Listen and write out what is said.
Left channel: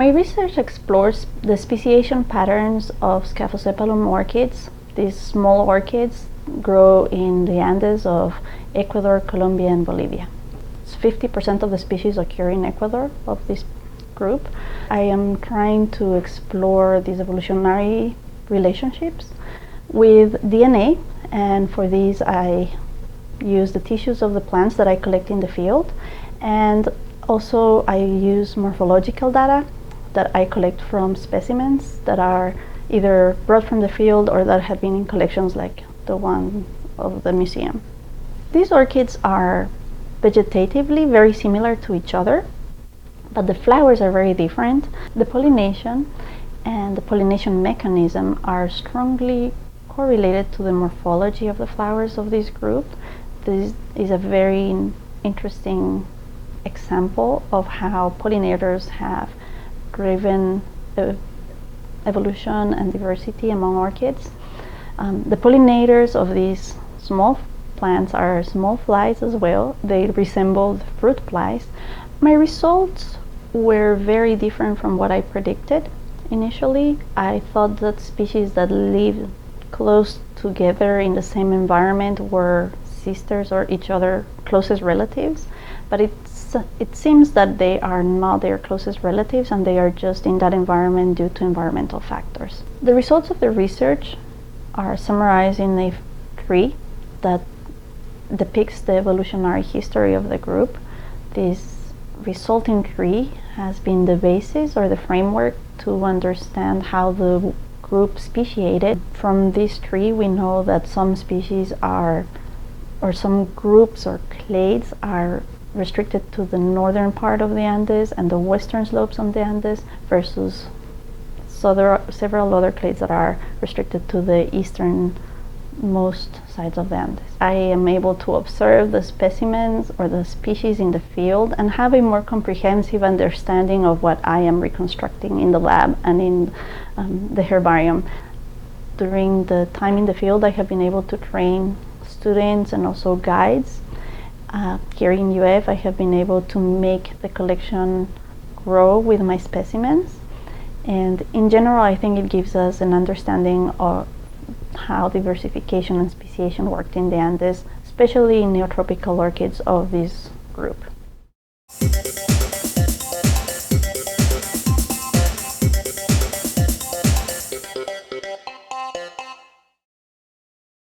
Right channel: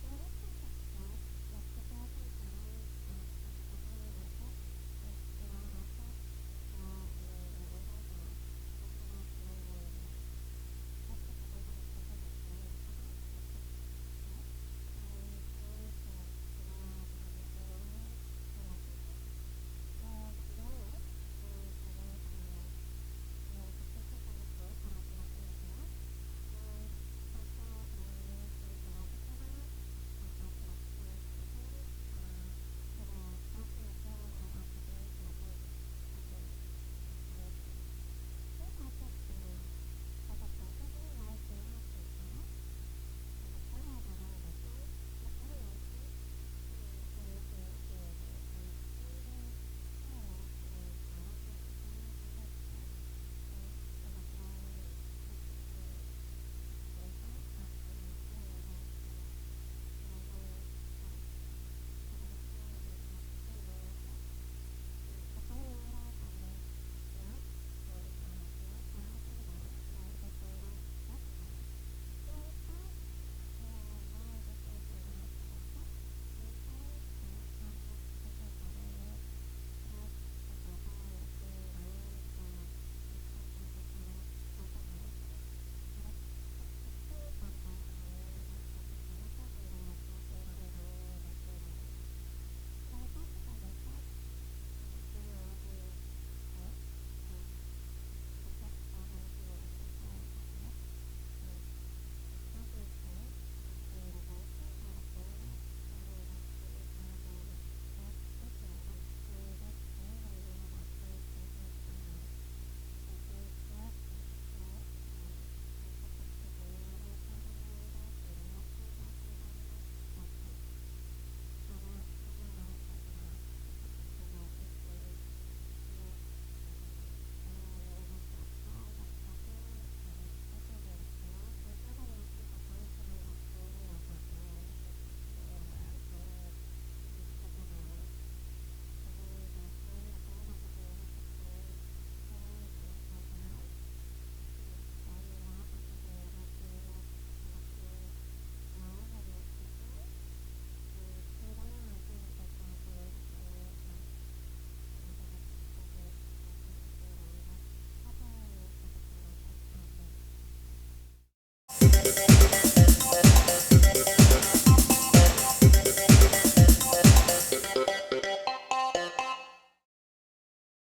My research explores the speciation patterns of Scaphosepalum orchids. These small orchids grow in the Andes of Ecuador, Colombia, and Bolivia. 50% of the species occur in Ecuador of this group. I am trying to explore these evolutionary relationships with DNA, and for these I use the tissues of the plants that I collect in the field, and also I use morphological data that I collect from specimens that are either brought from the field or that have been in collections like the one of the museum. These orchids are vegetatively very similar to each other, but the flowers are very different. The pollination and the pollination mechanism are strongly correlated to the morphology of the flowers of this group. This is a very interesting example of how pollinators have driven evolution and diversity among orchids. The pollinators of these small plants are small flies as well. They resemble fruit flies. My results were very different from what I predicted. Initially, I thought that species that live close together in the same environment were sisters or each other's closest relatives, but it seems that they are not their closest relatives and they are just in that environment due to environmental factors. The results of the research are summarized in a tree that depicts the evolutionary history of the group. This resulting tree has been the basis or the framework to understand how the group speciated. From this tree we know that some species are, or some groups or clades are restricted to the northern part of the Andes and the western slopes of the Andes, versus so there are several other clades that are restricted to the easternmost sides of the Andes. I am able to observe the specimens or the species in the field and have a more comprehensive understanding of what I am reconstructing in the lab and in the herbarium. During the time in the field, I have been able to train students and also guides. Here in UF, I have been able to make the collection grow with my specimens. And in general, I think it gives us an understanding of how diversification and speciation worked in the Andes, especially in neotropical orchids of this group.